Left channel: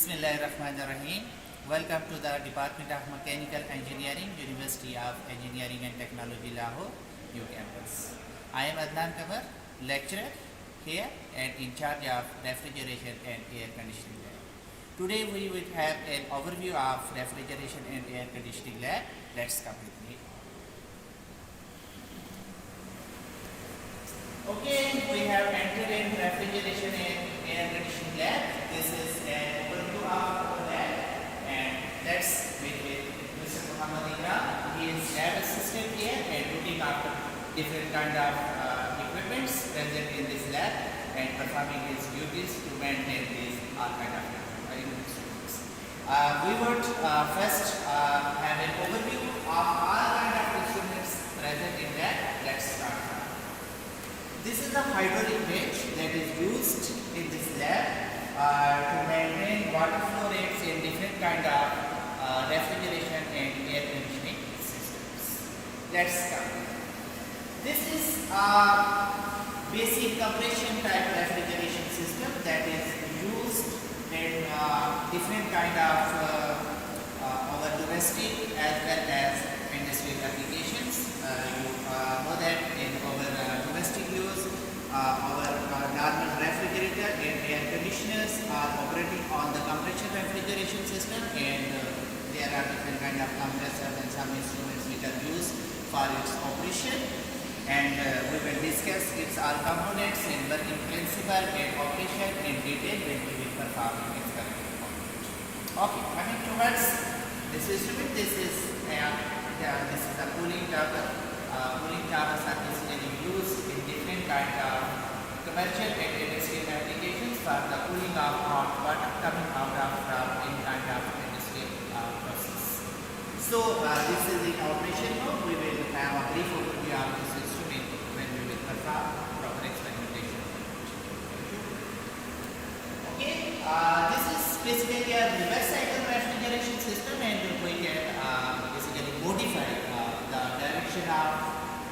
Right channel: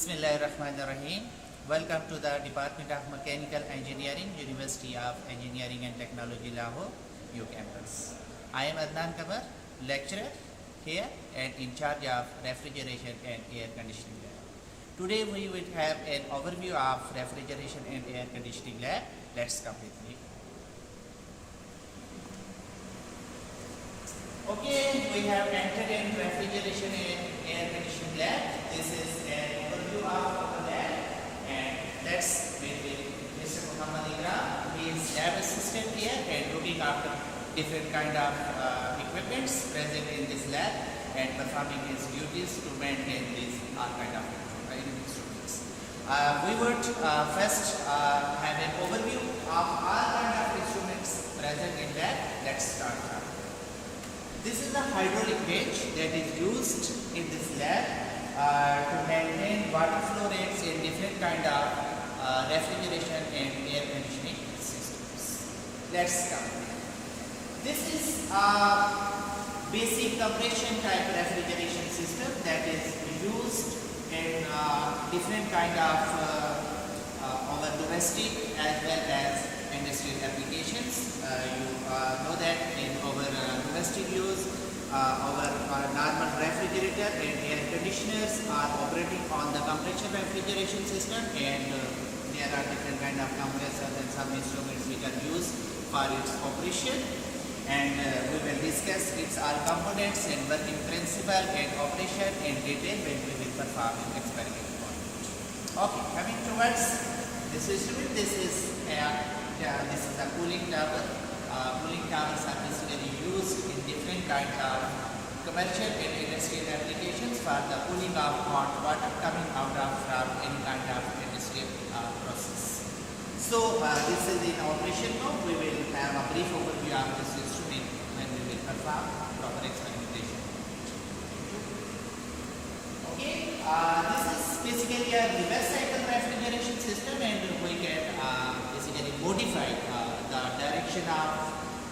Bismillahirrahmanirrahim. Welcome to the Department of Mechanical Engineering, University of Engineering and Technology, Lahore, new campus. I am Adnan Kabar, lecturer here and in charge of refrigeration and air conditioning lab. Today we will have an overview of refrigeration and air conditioning lab. Let's come with me. Okay, we have entered in refrigeration and air conditioning lab. This is an overview of our lab, and let's wait with Mr. Muhammad Ikram. He is lab assistant here and looking after different kind of equipments present in this lab and performing his duties to maintain these all kind of instruments. We would first have an overview of all kind of instruments present in lab. Let's start now. This is the hydraulic bench that is used in this lab to maintain water flow rates in different kind of refrigeration and air conditioning systems. Let's come. This is a basic compression type refrigeration system that is used in different kind of our domestic as well as industrial applications. You know that in our domestic use, our normal refrigerator and air conditioners are operating on the compression refrigeration system, and there are different kind of compressors and some instruments which are used for its operation, and we will discuss its all components and working principle and operation in detail when we will perform experiment on it. Okay, coming towards this instrument, this is a cooling tower. Cooling towers are basically used in different kind of commercial and industrial applications for the cooling of hot water coming out of from any kind of industrial process. So this is in operation mode. We will have a brief overview of this instrument when we will perform proper experimentation. Okay, this is basically a reverse cycle refrigeration system, and we can basically modify the direction of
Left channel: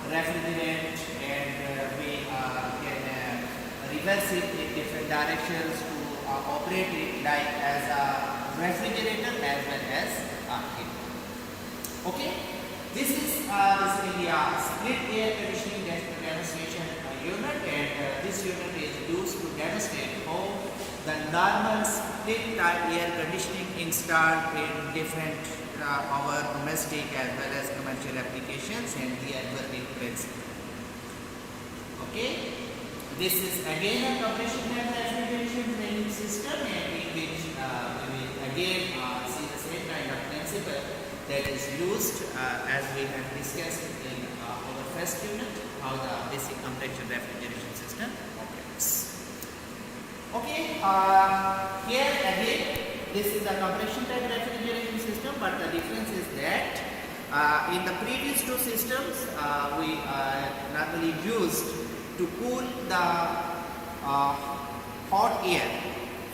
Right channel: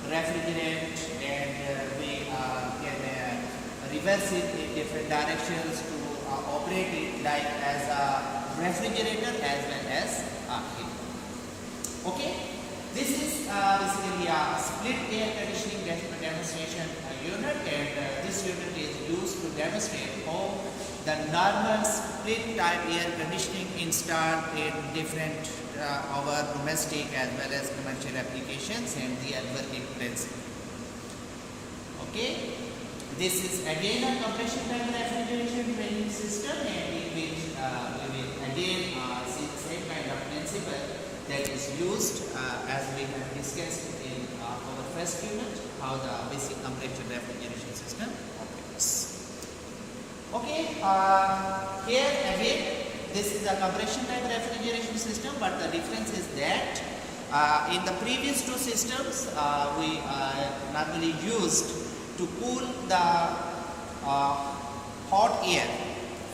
refrigerant, and we can reverse it in different directions to operate it like as a refrigerator as well as a heater. Okay, this is basically a split air conditioning demonstration unit, and this unit is used to demonstrate how the normal split type air conditioning installed in different our domestic as well as commercial applications and their working principle. Okay, this is again a compression type refrigeration training system, and in which we will again see the same kind of principle that is used as we have discussed in our first unit, how the basic compression refrigeration system operates. Okay, here again this is a compression type refrigeration system, but the difference is that in the previous two systems we normally used to cool the hot air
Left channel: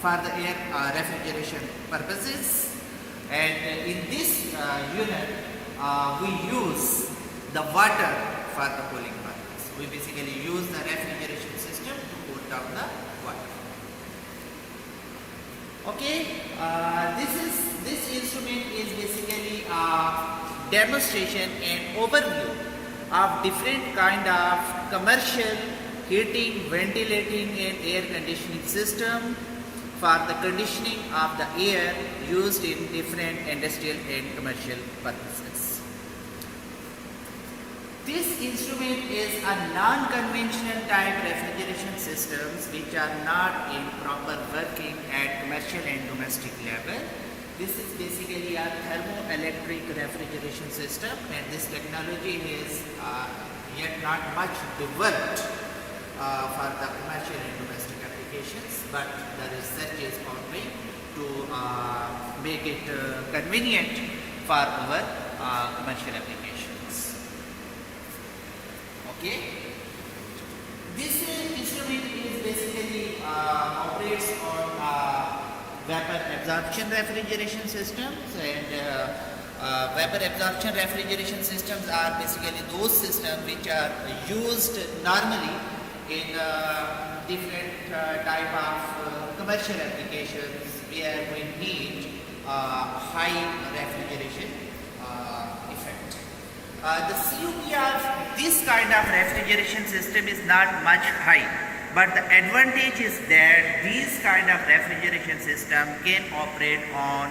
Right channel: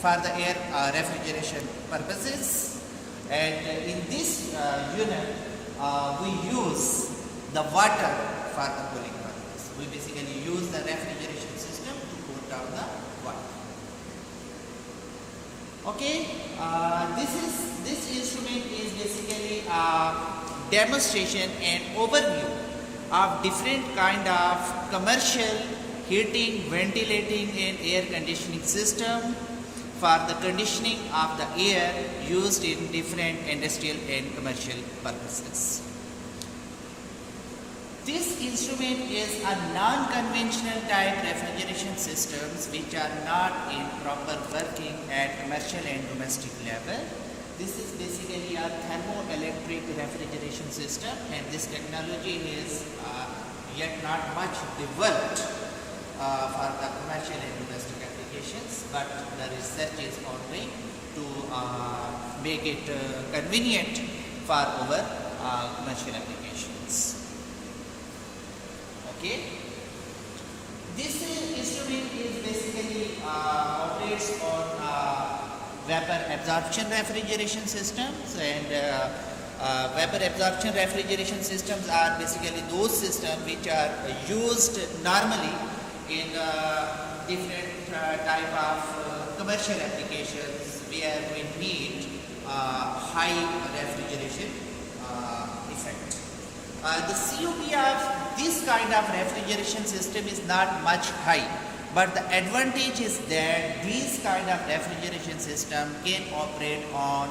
for the air refrigeration purposes, and in this unit we use the water for the cooling purpose. We basically use the refrigeration system to cool down the water. Okay, this instrument is basically a demonstration and overview of different kind of commercial heating, ventilating and air conditioning system for the conditioning of the air used in different industrial and commercial purposes. This instrument is a non-conventional type refrigeration systems which are not in proper working at commercial and domestic level. This is basically a thermoelectric refrigeration system, and this technology is yet not much developed for the commercial and domestic applications, but the research is ongoing to make it convenient for our commercial applications. Okay, this instrument is basically operates on vapor absorption refrigeration systems, and vapor absorption refrigeration systems are basically those systems which are used normally in different type of commercial applications where we need high refrigeration effect. The COP of this kind of refrigeration system is not much high, but the advantage is that these kind of refrigeration system can operate on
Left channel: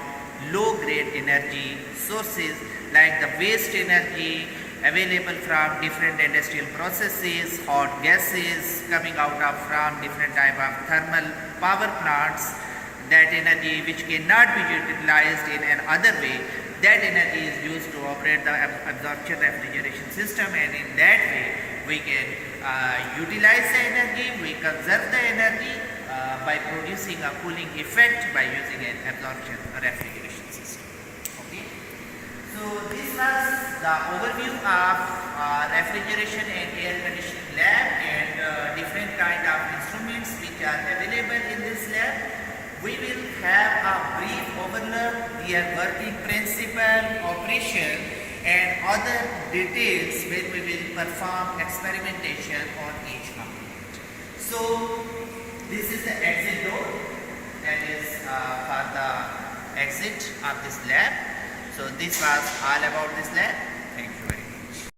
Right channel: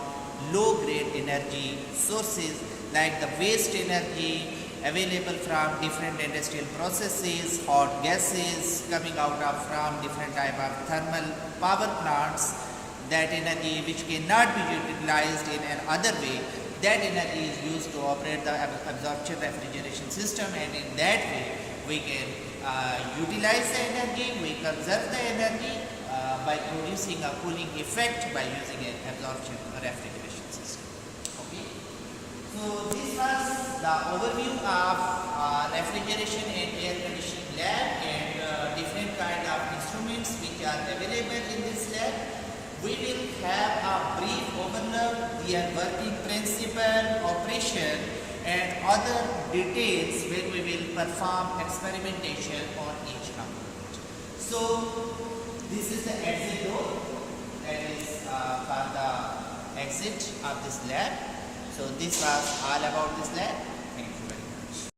low grade energy sources like the waste energy available from different industrial processes, hot gases coming out of from different type of thermal power plants, that energy which cannot be utilized in another way, that energy is used to operate the absorption refrigeration system, and in that way we can utilize the energy, we conserve the energy by producing a cooling effect by using an absorption refrigeration system. Okay. So this was the overview of refrigeration and air conditioning lab and different kind of instruments which are available in this lab. We will have a brief overlook, their working principle, operation and other details when we will perform experimentation on each component. So this is the exit door, that is for the exit of this lab. So this was all about this lab.